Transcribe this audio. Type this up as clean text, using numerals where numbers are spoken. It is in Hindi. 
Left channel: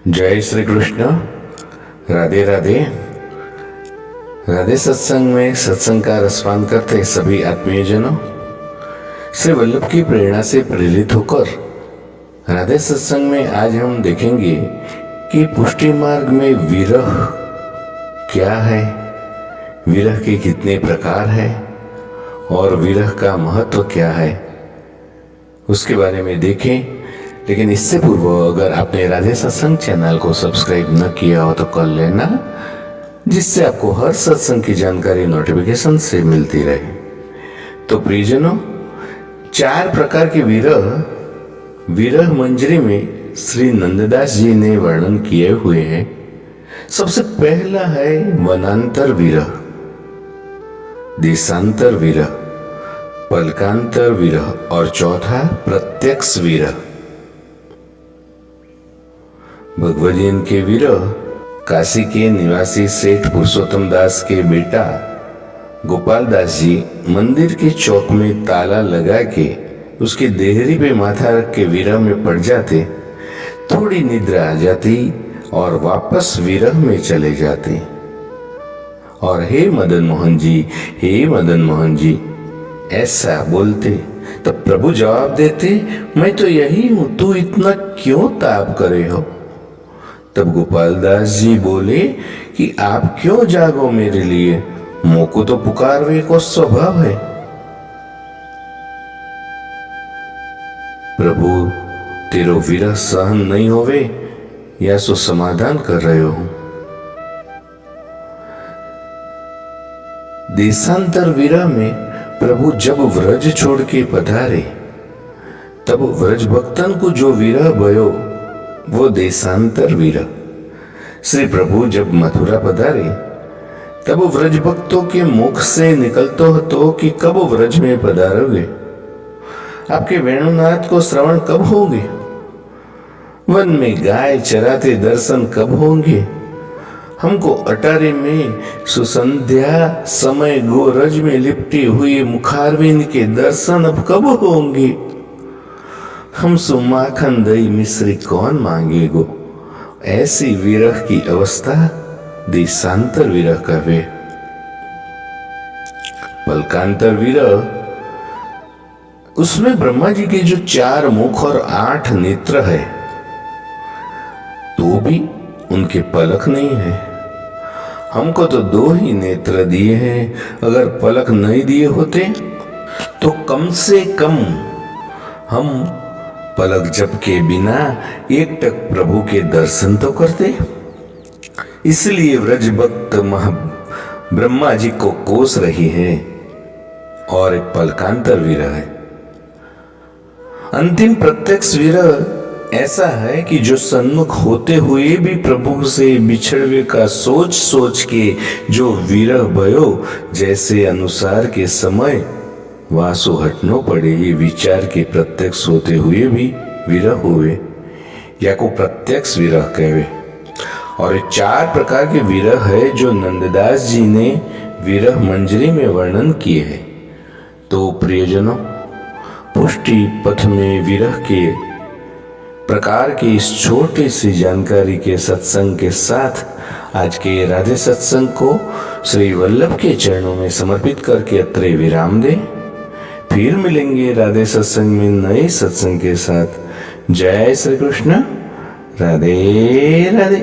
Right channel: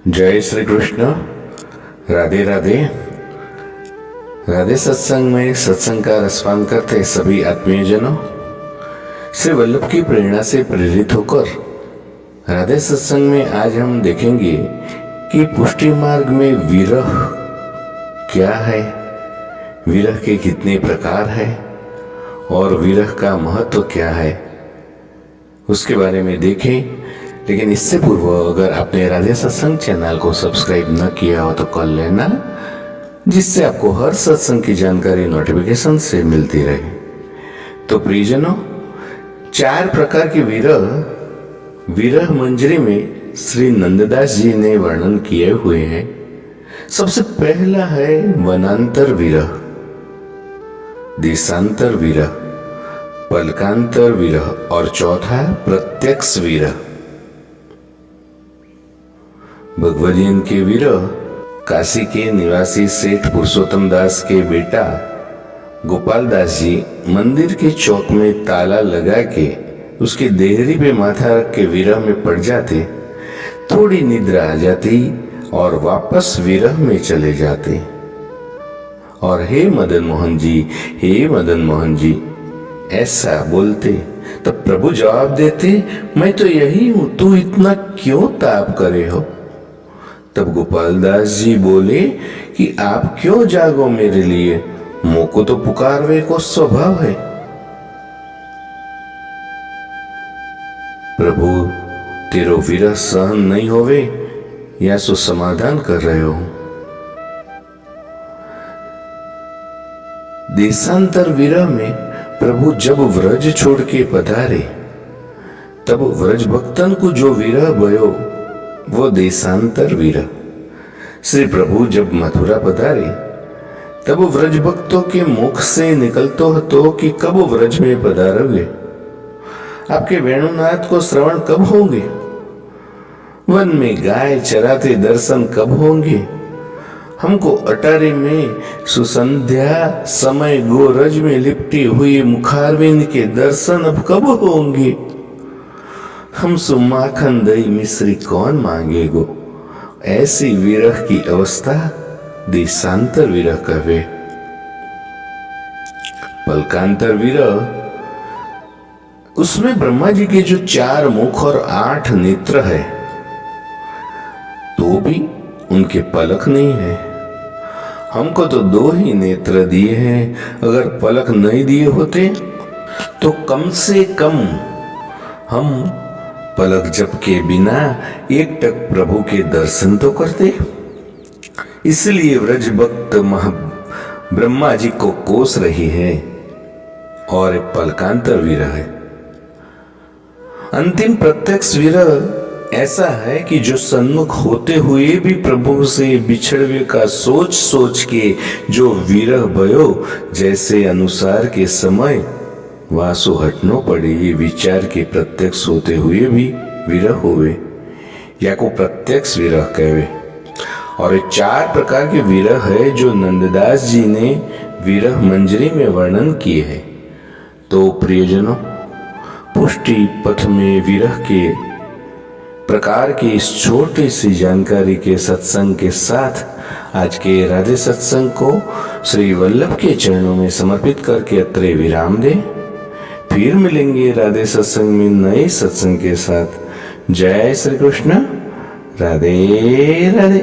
जय श्री कृष्ण। राधे राधे। राधे सत्संग में सत्संग का रसपान करते सभी आत्मीय जनों, श्री वल्लभ की प्रेरणा से प्रेरित होकर राधे सत्संग में आज हम देखेंगे कि पुष्टि मार्ग में विरह क्या है, विरह के कितने प्रकार है और विरह का महत्व क्या है, उसके बारे में देखें। लेकिन इससे पूर्व अगर आपने राधे सत्संग चैनल को सब्सक्राइब न किया हो तो कर लेना, जिससे आपको हर सत्संग की जानकारी नोटिफिकेशन से मिलती रहे। तो प्रियजनों, 4 प्रकार के विरह मंजरी में श्री नंददास जी ने वर्णन किए हुए हैं। सबसे पहला है वनांतर विरह, देशांतर विरह, पलकांतर विरह और चौथा प्रत्यक्ष विरह। भगवदीन के विरह काशी के निवासी सेठ पुरुषोत्तम दास के बेटा गोपाल दास जी मंदिर के चौक में ताला लगा के उसकी देहरी पे माथा रख के विरह में पड़ जाते, थोड़ी निद्रा आ जाती और वापस विरह में चले जाते और हे मदन मोहन जी, हे मदन मोहन जी ऐसा बोलते। तब प्रभु जवाब देते, मैं तो यही हूं, तू इतना क्यों ताप करे हो। तब गोपाल दास जी बोले कि आप क्यों जागो मेरे लिए, मोको तो पुकारवे को स्वभाव है। प्रभु तेरो विरह सहन नहीं होवे या सो समाधान कर रहे हो। देशांतर विरह में प्रभु जब व्रज छोड़ के पधारे तब व्रज भक्तन को जो विरह भयो वो देशांतर विरह। श्री प्रभु जब मथुरा पधारे तब व्रज भक्तों के मुख से निकलतो हतो कि कब व्रज में पधारोगे, आपके वेणुनाथ को श्रवण कब होंगे, वन में गाय चराते दर्शन कब होंगे, हमको अटारी में सुसंध्या समय गोरज में लिपटी हुई मुखारविंद के दर्शन अब कब होंगे, हम सुमाखन दही मिश्री कौन मांगेगो। ऐसी विरह की अवस्था देशांतर विरह कहे। पलकांतर विरह, उसमें ब्रह्मा जी के जो 4 मुख और 8 नेत्र है तो भी उनके पलक नहीं है। हमको तो 2 ही नेत्र दिए हैं, अगर पलक नहीं दिए होते तो कम से कम हम पलक झप के बिना एकटक प्रभु के दर्शन तो करते। इसलिए व्रज भक्त ब्रह्मा जी को कोस रही है और एक पलकांतर विरह है। अंतिम प्रत्यक्ष विरह ऐसा है कि जो सन्मुख होते हुए भी प्रभु से बिछड़वे का सोच सोच के जो विरह भयो, जैसे अनुसार के समय वासु हटनो पड़े, ये विचार के प्रत्यक्ष होते हुए भी विरह हुए या को प्रत्यक्ष विरह कहे। और ये 4 प्रकार के विरह है जो नंददास जी ने विरह मंजरी में वर्णन किए हैं। तो प्रियजनों, पुष्टि पथ में विरह के प्रकार की इस छोटी सी जानकारी के सत्संग के साथ आज के राधे सत्संग को श्री वल्लभ के चरणों में समर्पित करके अत्रे विराम दे। फिर मिलेंगे राधे सत्संग में नए सत्संग के साथ। जय श्री कृष्ण। राधे राधे।